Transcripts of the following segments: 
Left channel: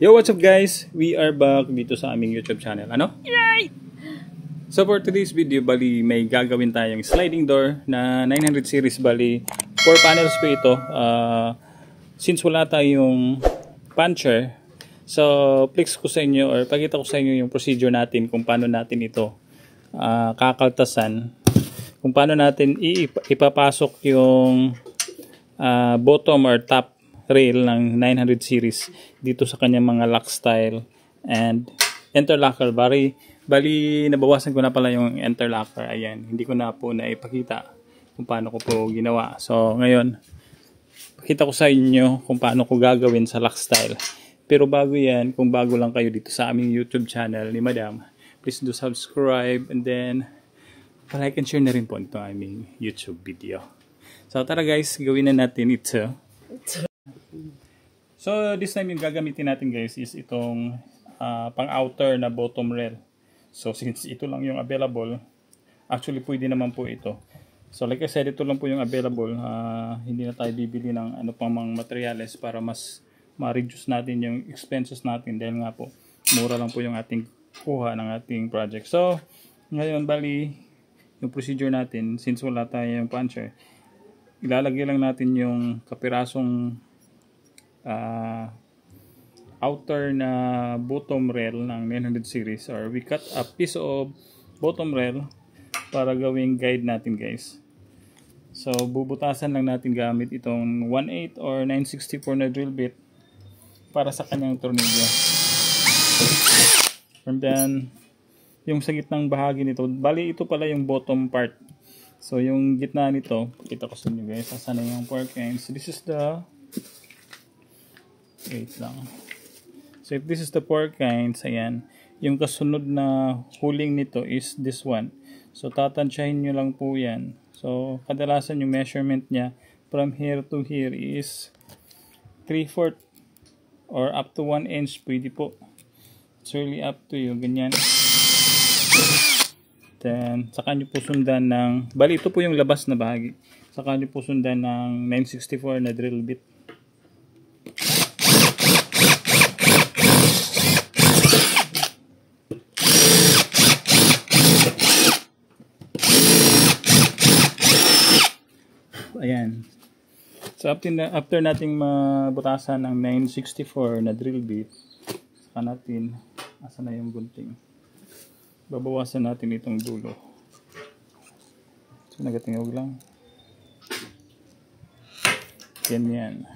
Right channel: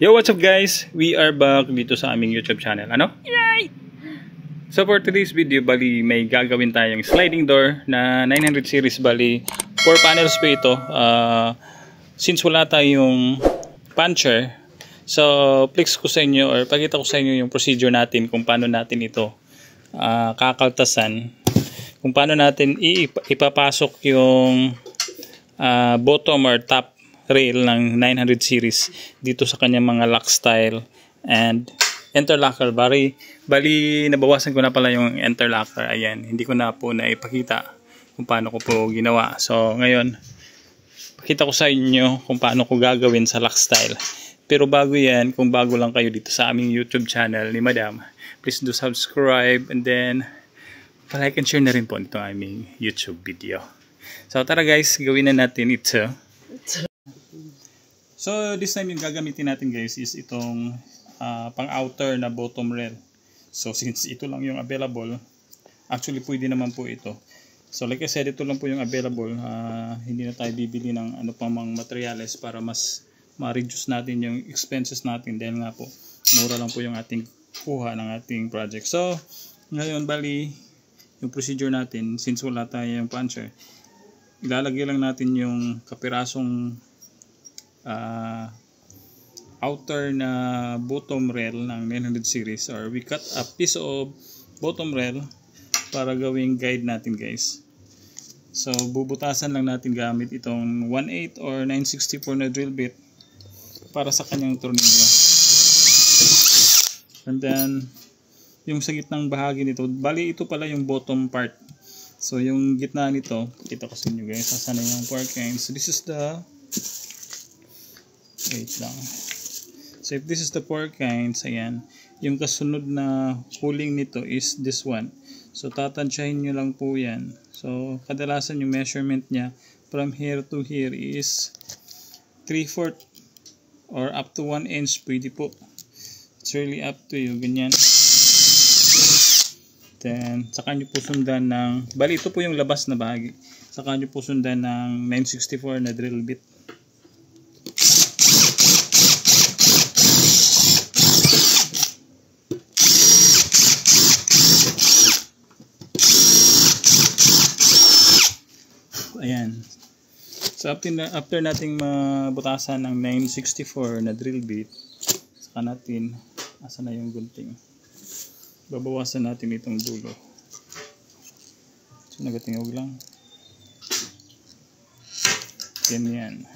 Yo, what's up guys? We are back dito sa aming YouTube channel. Ano? Yay! So for today's video, bali may gagawin tayong sliding door na 900 series. Bali 4 panels po ito. Since wala tayong puncher, so flex ko sa inyo or pakita ko sa inyo yung procedure natin kung paano natin ito kakaltasan. Kung paano natin ipapasok yung bottom or top rail ng 900 series dito sa kanyang mga lock style and interlocker. Bali nabawasan ko na pala yung interlocker. Ayan, hindi ko na po naipakita kung paano ko po ginawa. So ngayon, pakita ko sa inyo kung paano ko gagawin sa lock style. Pero bago yan, kung bago lang kayo dito sa aming YouTube channel ni Madam, please do subscribe and then like and share na rin po itong aming YouTube video. So tara guys, gawin na natin ito. So this time yung gagamitin natin guys is itong pang outer na bottom rail. So since ito lang yung available, actually pwede naman po ito. So like I said, ito lang po yung available. Hindi na tayo bibili ng ano pang mga materials para mas ma-reduce natin yung expenses natin dahil nga po mura lang po yung ating kuha ng ating project. So ngayon bali yung procedure natin, since wala tayong puncher, ilalagay lang natin yung kapirasong outer na bottom rail ng 900 series, or we cut a piece of bottom rail para gawing guide natin guys. So bubutasan lang natin gamit itong 1/8 or 9/64 na drill bit para sa kanyang tornilyo. And then yung sa gitnang bahagi nito, bali ito pala yung bottom part. So yung gitna nito, pakita ko sa inyo guys, saan na yung pork ends. So this is the, wait lang. So if this is the pork ends, ayan, yung kasunod na huling nito is this one. So tatansyahin nyo lang po yan. So kadalasan yung measurement niya from here to here is 3/4 or up to 1 inch, pwede po. It's really up to you, ganyan. Then saka nyo po sundan ng, bali ito po yung labas na bahagi, saka nyo po sundan ng 9/64 na drill bit. Ayan. So after nating mabutasan ng 9/64 na drill bit, saka natin, asa na yung gunting, babawasan natin itong dulo. So nagatingog lang. Ganyan.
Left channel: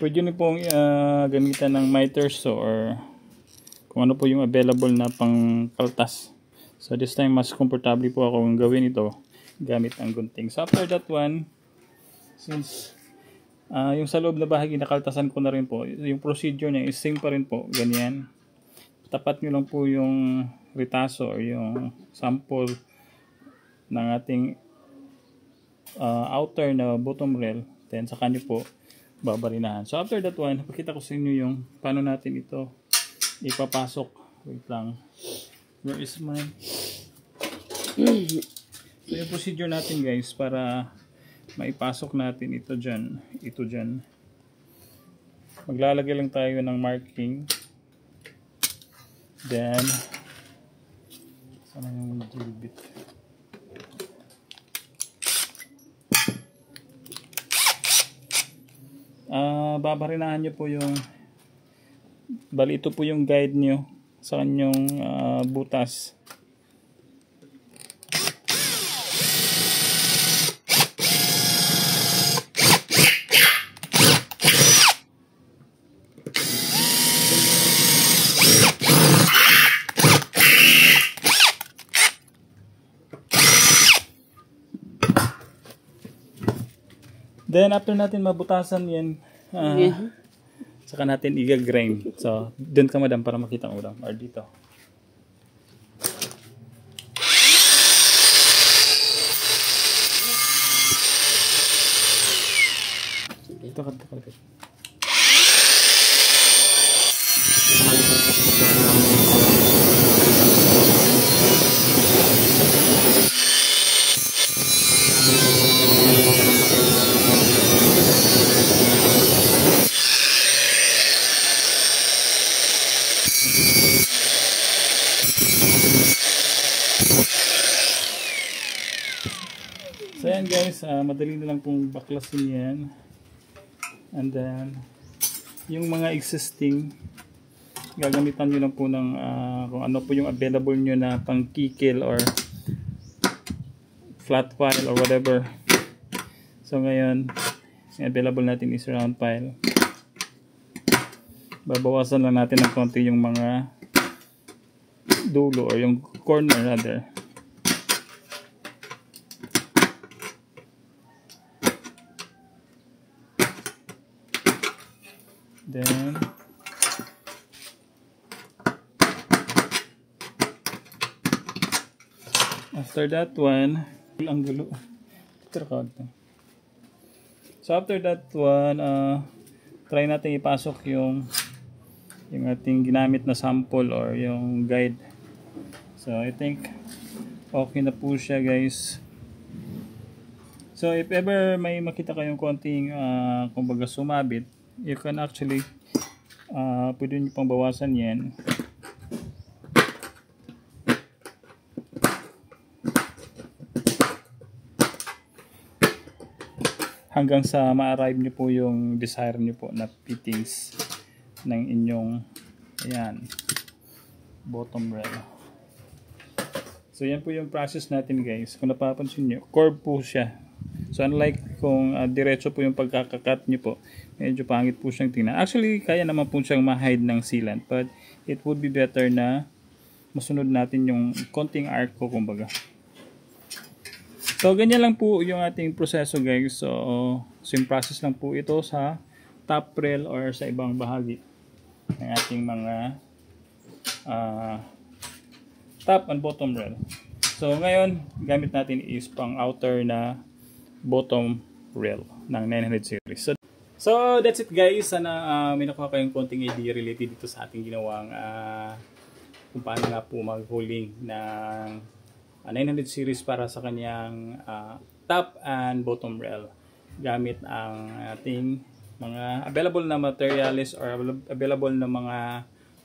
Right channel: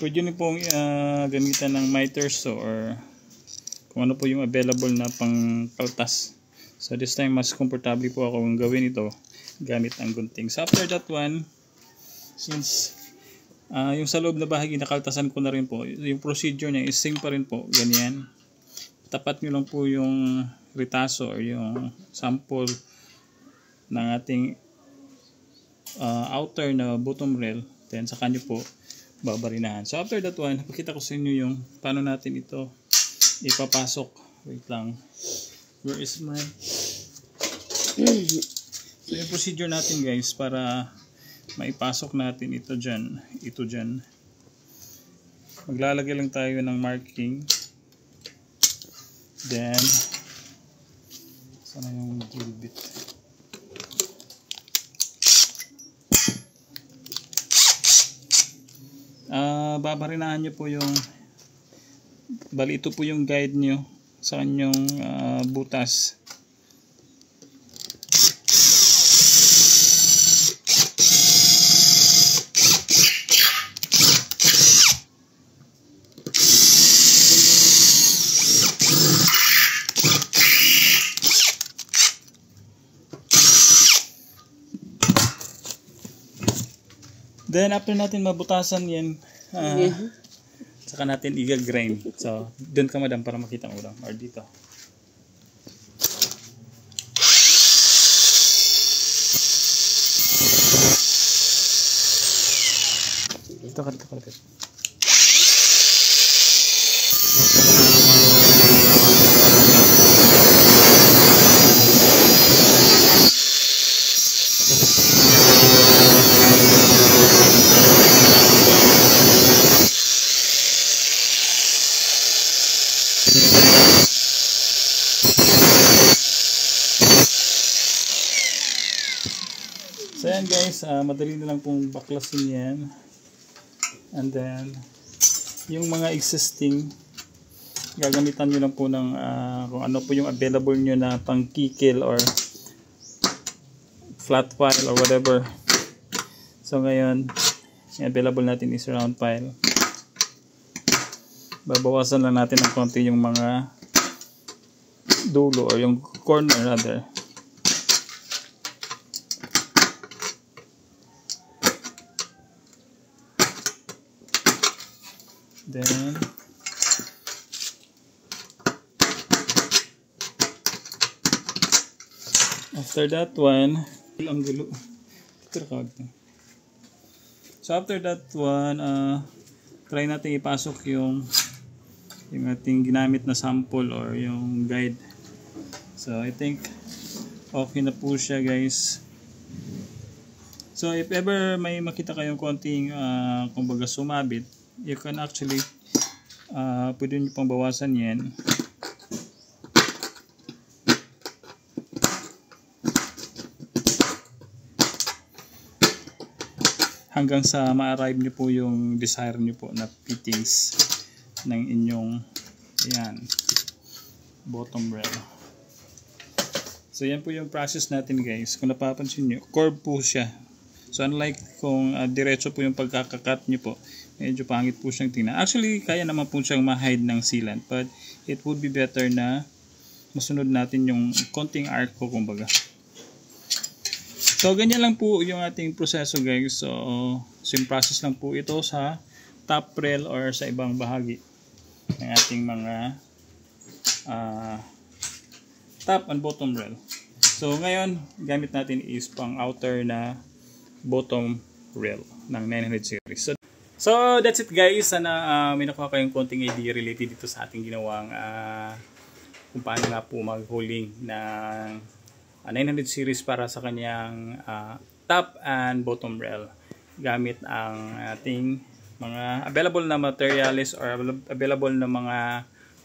Pwede nyo pong gamitan ng miter saw or kung ano po yung available na pang kaltas. So this time mas comfortable po ako kung gawin ito gamit ang gunting. So after that one, since yung sa loob na bahagi nakaltasan ko na rin po, yung procedure niya is same pa rin po, ganyan. Tapat nyo lang po yung ritaso or yung sample ng ating outer na bottom rail, then saka nyo po babarinahan. So after that one, pakita ko sa inyo yung paano natin ito ipapasok. Wait lang, where is my so yung procedure natin guys para maipasok natin ito dyan, ito dyan. Maglalagay lang tayo ng marking. Then sana yung drill bit. Babarinahan nyo po yung, bali ito po yung guide nyo sa kanyang butas. Then after natin mabutasan yan, saka natin i-grind. So dun ka madam para makita mo lang, or dito. Ito ka. So yan guys, madali na lang pong baklasin yan. And then, yung mga existing, gagamitan nyo lang po ng kung ano po yung available nyo na pang kikil or flat file or whatever. So ngayon, yung available natin is round file. Babawasan lang natin ng konti yung mga dulo or yung corner rather. Then after that one, ang gulo. So after that one, try natin ipasok yung ating ginamit na sample or yung guide. So I think okay na po siya guys. So if ever may makita kayong konting kumbaga sumabit, you can actually pwede nyo pang bawasan yan. Hanggang sa ma-arrive nyo po yung desire nyo po na fittings ng inyong ayan, bottom rail. So yan po yung process natin guys. Kung napapansin nyo, curve po siya. So unlike kung diretso po yung pagkakakat nyo po, medyo pangit po siyang tingnan. Actually, kaya naman po siyang ma-hide ng sealant, but it would be better na masunod natin yung konting arc ko kumbaga. So ganyan lang po yung ating proseso guys. So same process lang po ito sa top rail or sa ibang bahagi ng ating mga top and bottom rail. So ngayon, gamit natin is pang outer na bottom rail ng 900 series. So that's it guys. Sana may nakuha kayong konting idea related dito sa ating ginawang kung paano nga po mag-hauling ng 900 series para sa kanyang top and bottom rail gamit ang ating mga available na materials or available na mga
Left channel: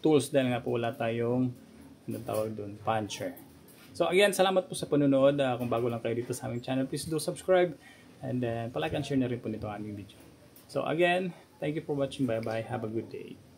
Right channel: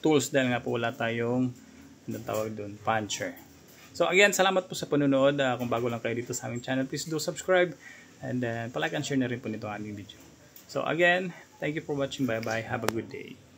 tools dahil nga po wala tayong anong tawag doon, puncher. So again, salamat po sa panonood. Kung bago lang kayo dito sa aming channel, please do subscribe and then palike and share na rin po nito ang aming video. So again, thank you for watching. Bye bye. Have a good day.